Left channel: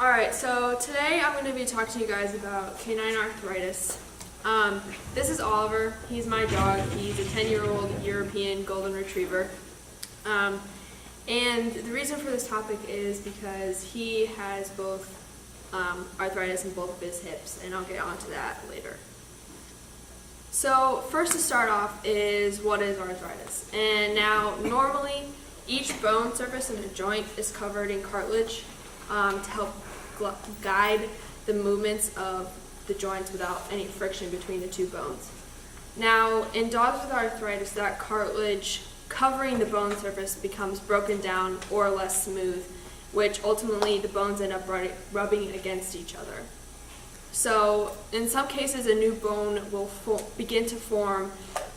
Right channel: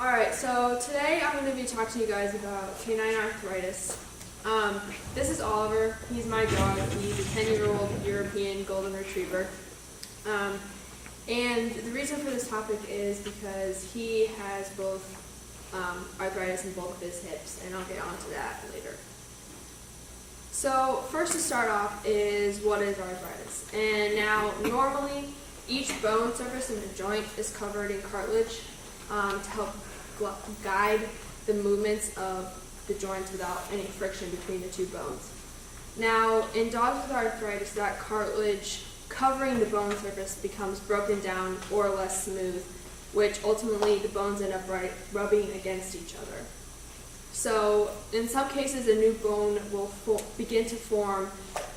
Alright, so today I'm going to be talking to you guys about canine arthritis. This is Oliver. He's my dog. He's a 10-year-old European Golden Retriever. And the reason for this topic is because he has both arthritis in both of his hips, and I'll get onto that later. So first to start off is what is arthritis. And now normally each bone surface in a joint is covered in cartilage to help guide the movements of the joints without any friction between the two bones. Now, in dogs with arthritis, that cartilage covering the bone surface becomes broken down or less smooth, which ultimately the bones end up rubbing against each other. So, in some cases, a new bone will begin to form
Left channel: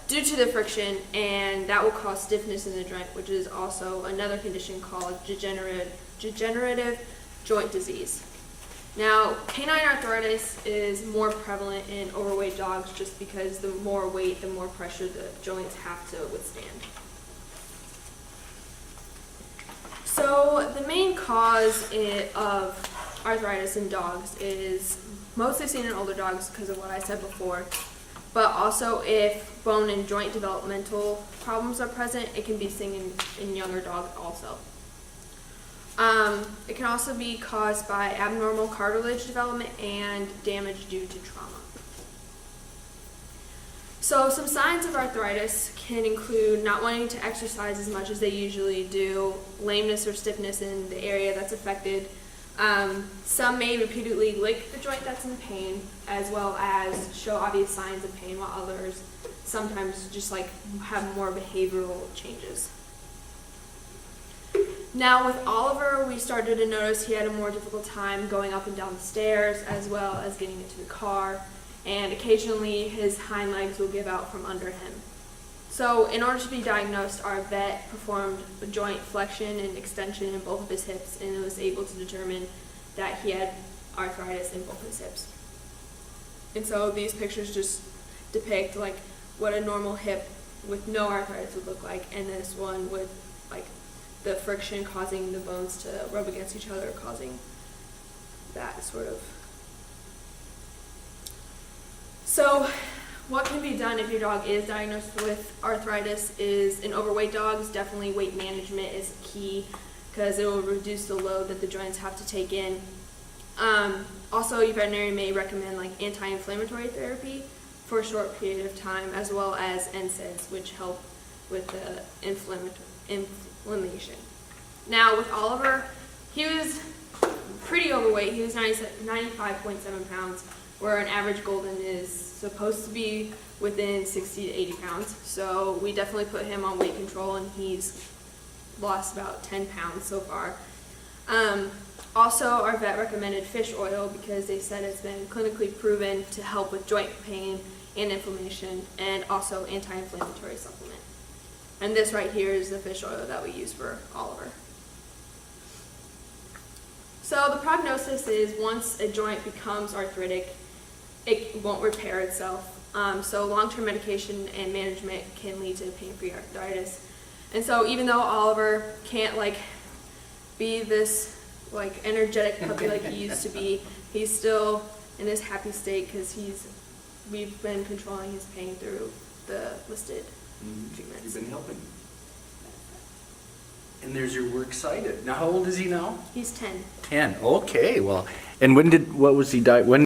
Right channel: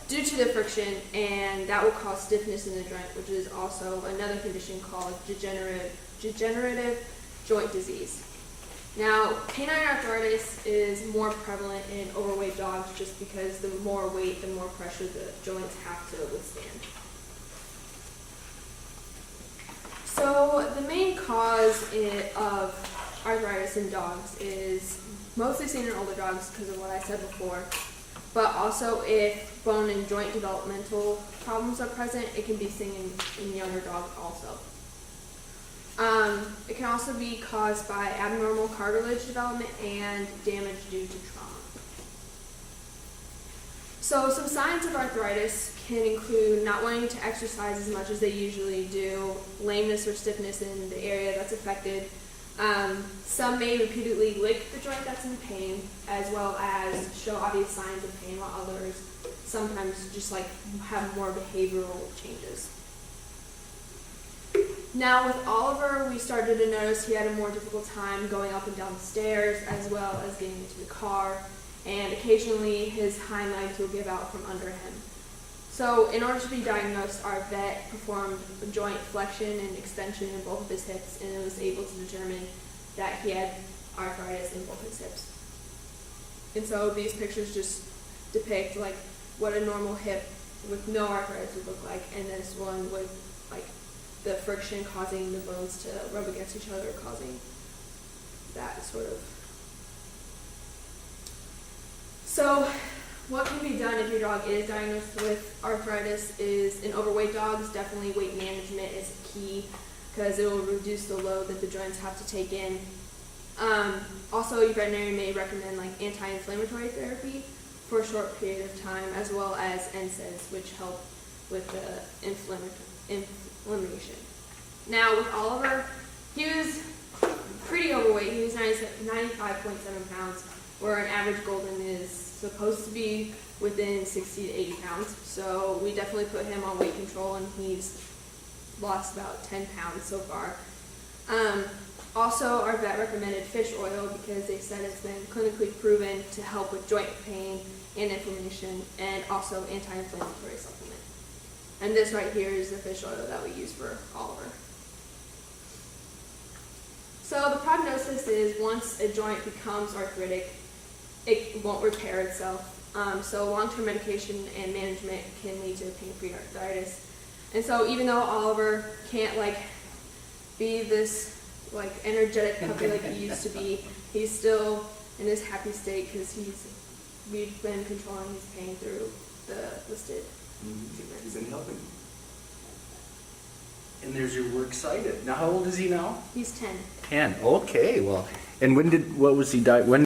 due to the friction, and that will cause stiffness in the joint, which is also another condition called degenerative joint disease. Now, canine arthritis is more prevalent in overweight dogs just because the more weight, the more pressure the joints have to withstand. So, the main cause of arthritis in dogs is mostly seen in older dogs because of what I said before, but also if bone and joint developmental problems are present, it can be seen in younger dogs also. It can also be caused by abnormal cartilage development and damage due to trauma. So some signs of arthritis can include not wanting to exercise as much as they usually do, lameness or stiffness in the area that's affected. Some may repeatedly lick the joint that's in pain, as well as show obvious signs of pain, while others sometimes just have more behavioral changes. Now with Oliver, we started to notice he had a more difficult time going up and down the stairs, as well as getting into the car, and occasionally his hind legs will give out from under him. So in order to be diagnosed, our vet performed a joint flexion and extension in both of his hips, and was able to determine that he had arthritis in both his hips. And so these pictures just depict what a normal hip with no arthritis would look like, and this one with the friction causing the bones to rub against each other, causing that sort of. So what can be done if your dog is diagnosed with arthritis is, in overweight dogs, definitely weight management is key because it will reduce the load that the joints have to take in. Also, your veterinarian may recommend anti-inflammatory therapy for a short period of time, as well as NSAIDs, which help with the inflammation. Now with Oliver, he was pretty overweight. He was 95.7 pounds, where an average golden is supposed to be within 60 to 80 pounds. So we definitely put him on weight control, and he's lost about 10 pounds so far. Also, our vet recommended fish oil because they said it's been clinically proven to help with joint pain and inflammation, and also anti-inflammatory supplement. And this right here is the fish oil that we use for Oliver. So the prognosis is once a joint becomes arthritic, it won't repair itself. So long-term medication and management can lead to pain-free arthritis. And so even though Oliver can't be this energetic puppy like he used to be, he's still in his happy state because we've been controlling his pain through the listed treatments. You've been helping. And we're excited. Now, how old is he now? He's 10. 10. Okay. Well, and when was he die? When